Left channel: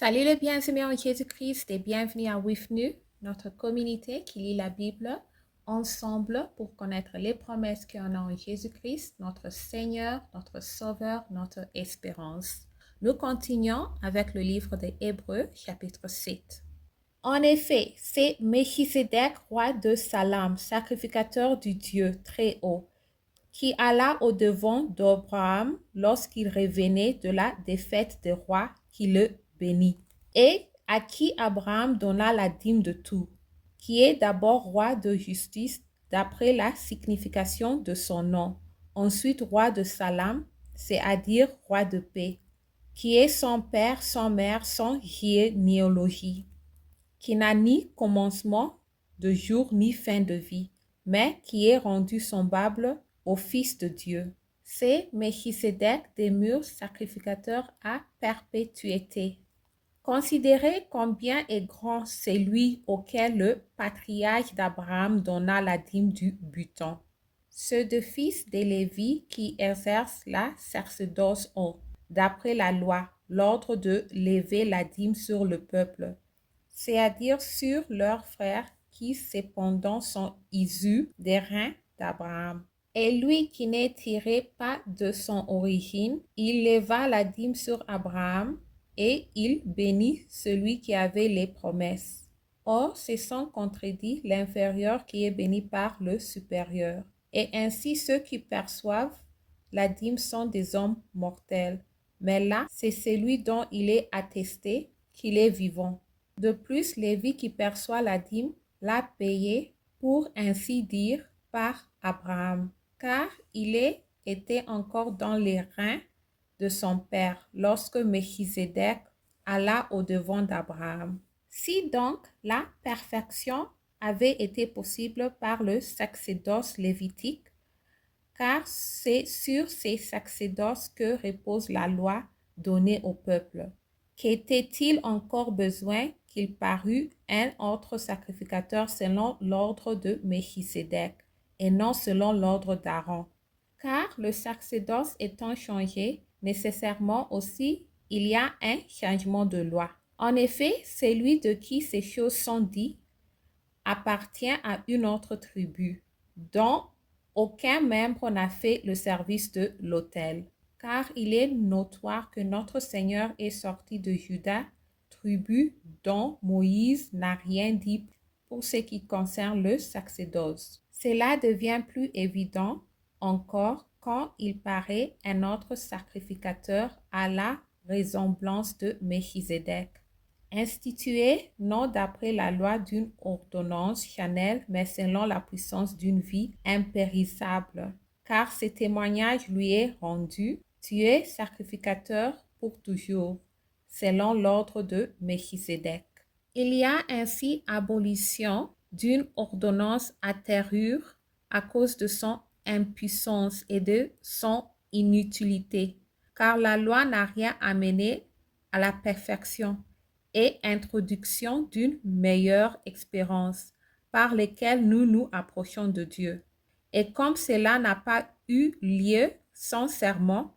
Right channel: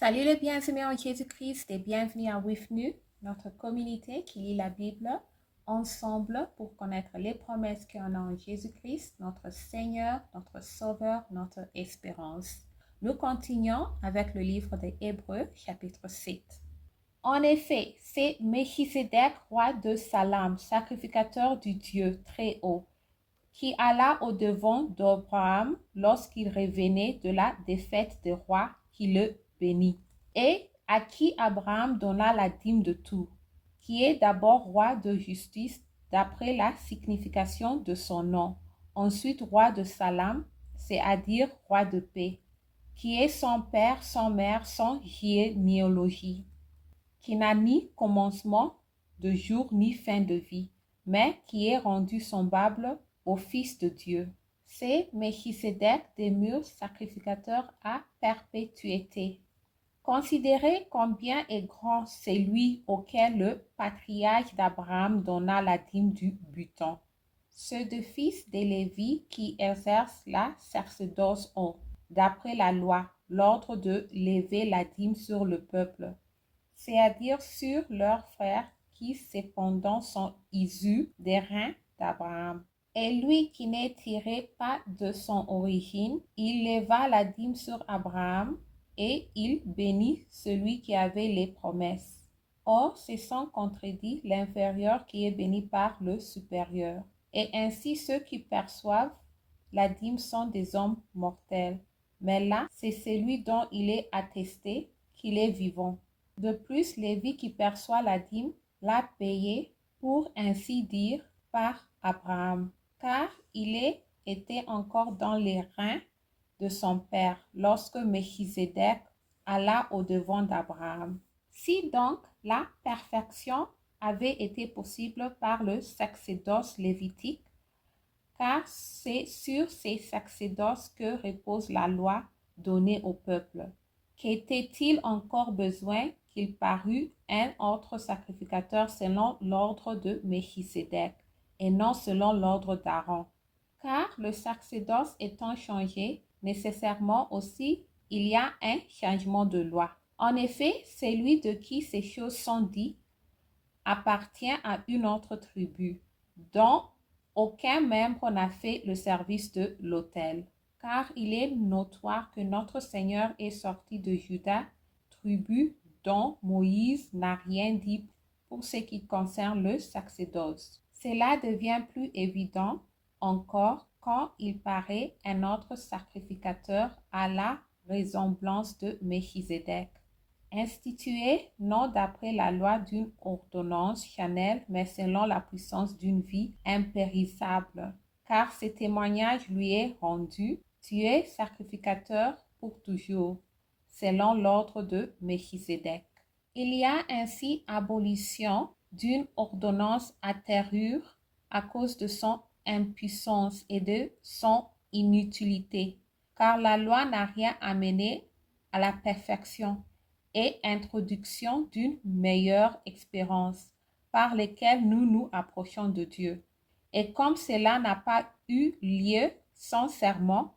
Salut les bien-aimés en Jésus-Christ et bienvenue à WIFNU, notre communauté qui lit la Bible ensemble pour connaître les promesses qu'on a en Jésus-Christ, notre Seigneur, notre Sauveur, notre espérance. Nous continuons avec le livre des Hébreux, chapitre 7. En effet, c'est Melchisedec, roi de Salem, sacrificateur du Dieu très haut, qui alla au-devant d'Abraham lorsqu'il revenait de la défaite des rois qui le bénit, et à qui Abraham donna la dîme de tout, qui est d'abord roi de justice d'après la signification de son nom, ensuite roi de Salem, c'est-à-dire roi de paix, qui est sans père, sans mère, sans généalogie, qui n'a ni commencement de jour ni fin de vie, mais qui est rendu semblable au Fils de Dieu. C'est Melchisedec demeure sacrificateur à perpétuité. Considérez combien est grand celui auquel le patriarche d'Abraham donna la dîme du butin. Ceux de fils de Lévi qui exercent la sacerdoce ont, d'après la loi, l'ordre de lever la dîme sur le peuple, c'est-à-dire sur leurs frères qui cependant sont issus des reins d'Abraham. Et lui qui n'est tiré pas de son origine, il leva la dîme sur Abraham et il bénit celui qui avait les promesses. Or, c'est sans contredit l'inférieur qui est béni par le supérieur. Et ainsi ceux qui perçoivent la dîme sont des hommes mortels. Mais là, c'est celui dont il est attesté qu'il est vivant. De plus, Lévi qui perçoit la dîme l'a payé, pour ainsi dire, par Abraham, car il était encore dans les reins de son père lorsque Melchisedec alla au-devant d'Abraham. Si donc la perfection avait été possible par le sacerdoce lévitique, car c'est sur ces sacerdoces que repose la loi donnée au peuple. Qu'était-il encore besoin qu'il parût un autre sacrificateur selon l'ordre de Melchisedec et non selon l'ordre d'Aaron? Car le sacerdoce étant changé, nécessairement aussi, il y a un changement de loi. En effet, celui de qui ces choses sont dites appartient à une autre tribu, dont aucun membre n'a fait le service de l'autel, car il est notoire que notre Seigneur est sorti de Juda, tribu dont Moïse n'a rien dit pour ce qui concerne le sacerdoce. Cela devient plus évident encore quand il paraît un autre sacrificateur à la ressemblance de Melchisedec, institué non d'après la loi d'une ordonnance charnelle, mais selon la puissance d'une vie impérissable. Car ce témoignage lui est rendu, tu es sacrificateur pour toujours, selon l'ordre de Melchisedec. Il y a ainsi abolition d'une ordonnance antérieure à cause de son impuissance et de son inutilité, car la loi n'a rien amené à la perfection et introduction d'une meilleure expérience par laquelle nous nous approchons de Dieu. Et comme cela n'a pas eu lieu sans serment,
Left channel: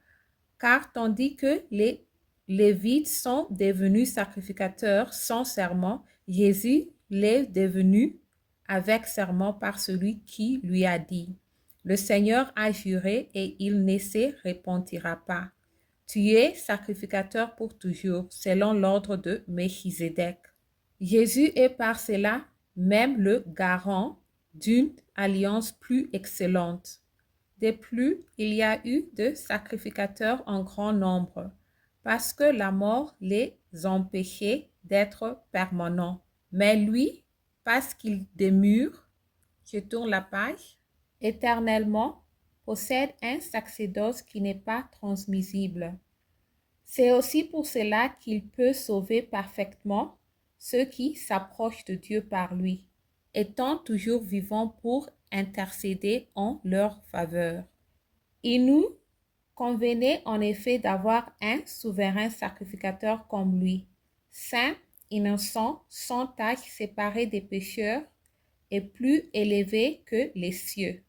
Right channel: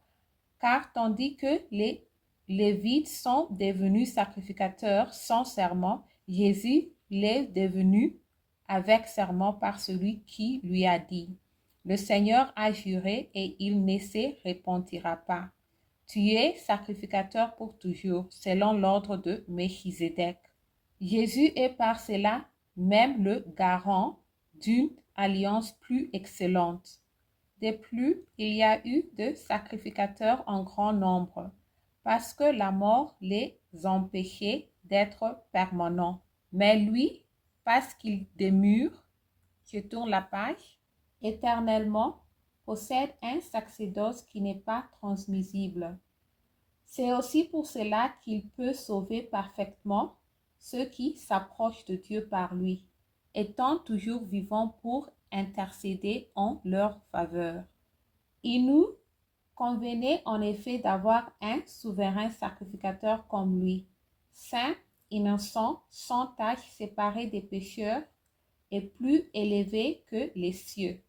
car tandis que les Lévites sont devenus sacrificateurs sans serment, Jésus l'est devenu avec serment par celui qui lui a dit, le Seigneur a juré et il ne se repentira pas. Tu es sacrificateur pour toujours, selon l'ordre de Melchisedec. Jésus est par cela même le garant d'une alliance plus excellente. De plus, il y a eu de sacrificateurs en grand nombre, parce que la mort les empêchait d'être permanents. Mais lui, parce qu'il demeure, je tourne la page, éternellement, possède un sacerdoce qui n'est pas transmissible. C'est aussi pour cela qu'il peut sauver parfaitement ceux qui s'approchent de Dieu par lui, étant toujours vivant pour intercéder en leur faveur. Il nous convenait en effet d'avoir un souverain sacrificateur comme lui, saint, innocent, sans tache, séparé des pécheurs et plus élevé que les cieux,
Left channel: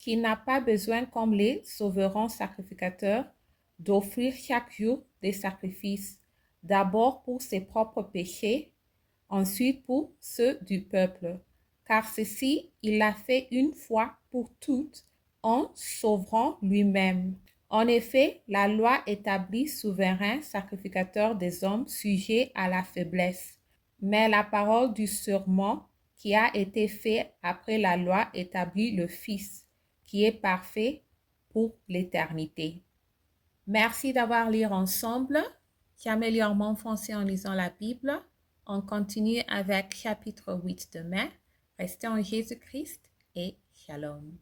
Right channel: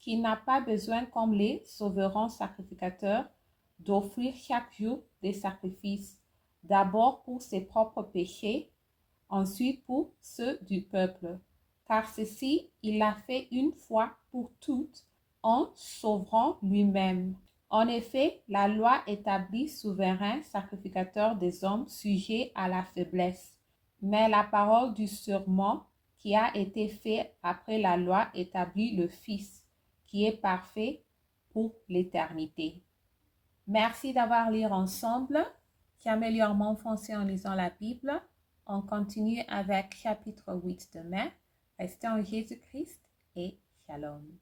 qui n'a pas besoin, comme les souverains sacrificateurs, d'offrir chaque jour des sacrifices, d'abord pour ses propres péchés, ensuite pour ceux du peuple, car ceci, il l'a fait une fois pour toutes en sauvant lui-même. En effet, la loi établit souverain sacrificateur des hommes sujets à la faiblesse. Mais la parole du serment qui a été fait après la loi établit le Fils, qui est parfait pour l'éternité. Merci d'avoir lu ensemble. J'améliore mon français en lisant la Bible. On continue avec chapitre 8 demain. Restez en Jésus-Christ et Shalom.